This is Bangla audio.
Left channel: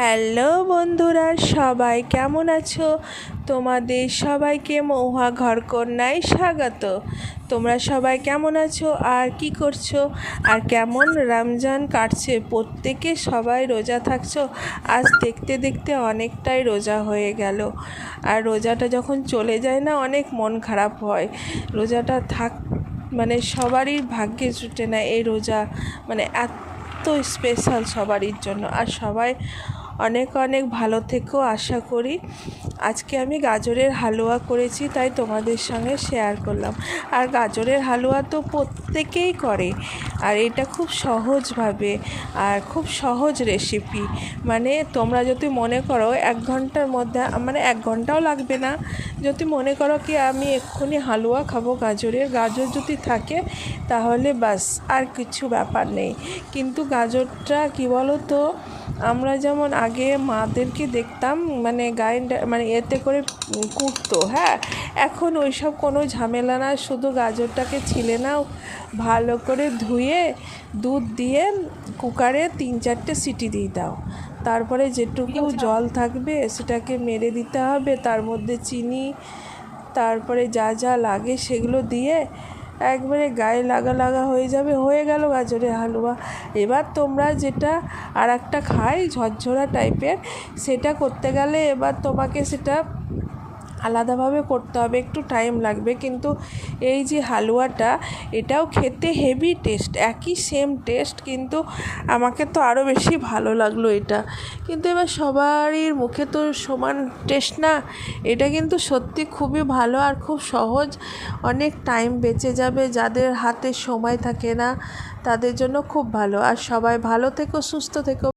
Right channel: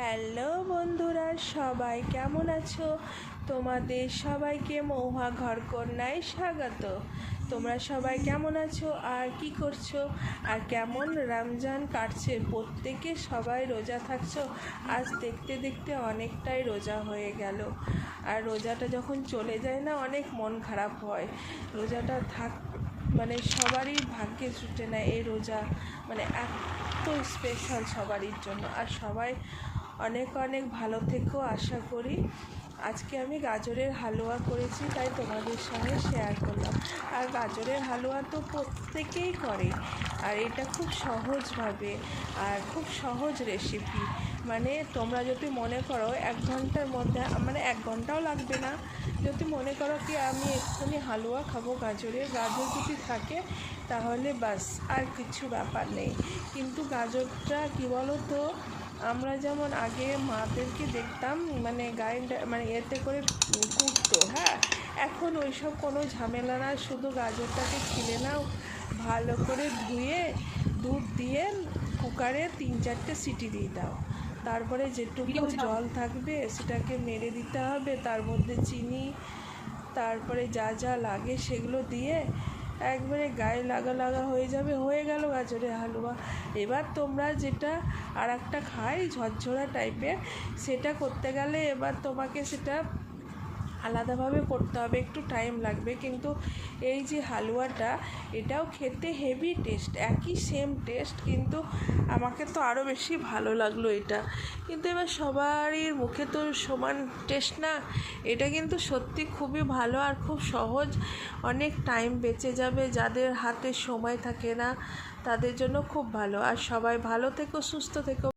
হ্যালো বন্ধুরা, সবাই কেমন আছো? তোমাদের সবাইকে মহুয়া ঘরকন্যায় স্বাগত। তোমরা সবাই কেমন আছো আর কি করছো আর কেমন রমজান কাটছে? প্রত্যেকে সবাই রোজা থাকছো? আজ দেখতে দেখতে অনেকটাই রোজা হয়ে গেল। আর রোজাটা যখন চলে যায় না, অনেক মন খারাপ হয়। রোজাটা মানে সবারই ভাগ্যে জুটে না এই রোজা, মানে এত স্পেশাল সবারই জন্য। আর সবাই অনেক অনেক ভালো থেকেও আশা করি। আজকে আমি গাজরের হালুয়া করেছি, তাই তোমাদের সঙ্গে শেয়ার করলাম। আর গাজরের হালুয়া তো প্রত্যেকেই করে, আর এটা খুব সহজভাবে আর খুব সহজ রেসিপি। মানে তোমরা যদি মনে করো 1 ঘন্টার মধ্যে, মানে 1 ঘন্টাও লাগবে না। যদি মনে করো কি আমি এক্ষুনি হালুয়া খাবো গাজর যদি থাকে তাহলে বাস, আর কিছু ব্যাপার নেই। কিন্তু গাজরটা কি বলো তো, আমরা যেমন আগে মাদেরকে দেখতাম মানে গ্রাইন্ডার মানে এতে করে কুটতো, হ্যাঁ, এখন ওইসব কোনো ঝামেলা না। শুধু গাজরটাকে ছিলে নাও, ভালো করে ধুয়ে দুধ দিয়ে কুকারে 3-4টে সিটি দিয়ে দাও। তারপরে যেটুকু জল থাকবে সেটাকে মেরে দিতে হবে, তার মধ্যে চিনি, তারপরে যা যা লাগে সেগুলো দিয়ে একবারে গায়ে লাগা লাগা হয়ে যাবে, হয়ে গেল গাজরের হালুয়া। এবার তোমরা যেটা আর একটা খাই ঝরঝরা টাইপের, সেটা করতে গেলে এবার তোমাকে সেটা আলাদাভাবে করতে হবে, একটু টাইম লাগবে। কিন্তু এই যে হালুয়াটা, এটাও খেতে হেভি টেস্ট, একই সেম টেস্ট, কিন্তু আমাকে তো আরও বেশি ভালো লাগলো এটা। কিন্তু এবার সবারই মুখে তো সমান টেস্ট না। এটা কিন্তু সত্যি খুবই ভালো আর খুব সহজ, অনেক টাইম বেঁচে যাবে। যাদের হাতে সময় থাকে না তাদের জন্য খুব ভালো। আর সবাই ভালো থেকো, সুস্থ থেকো।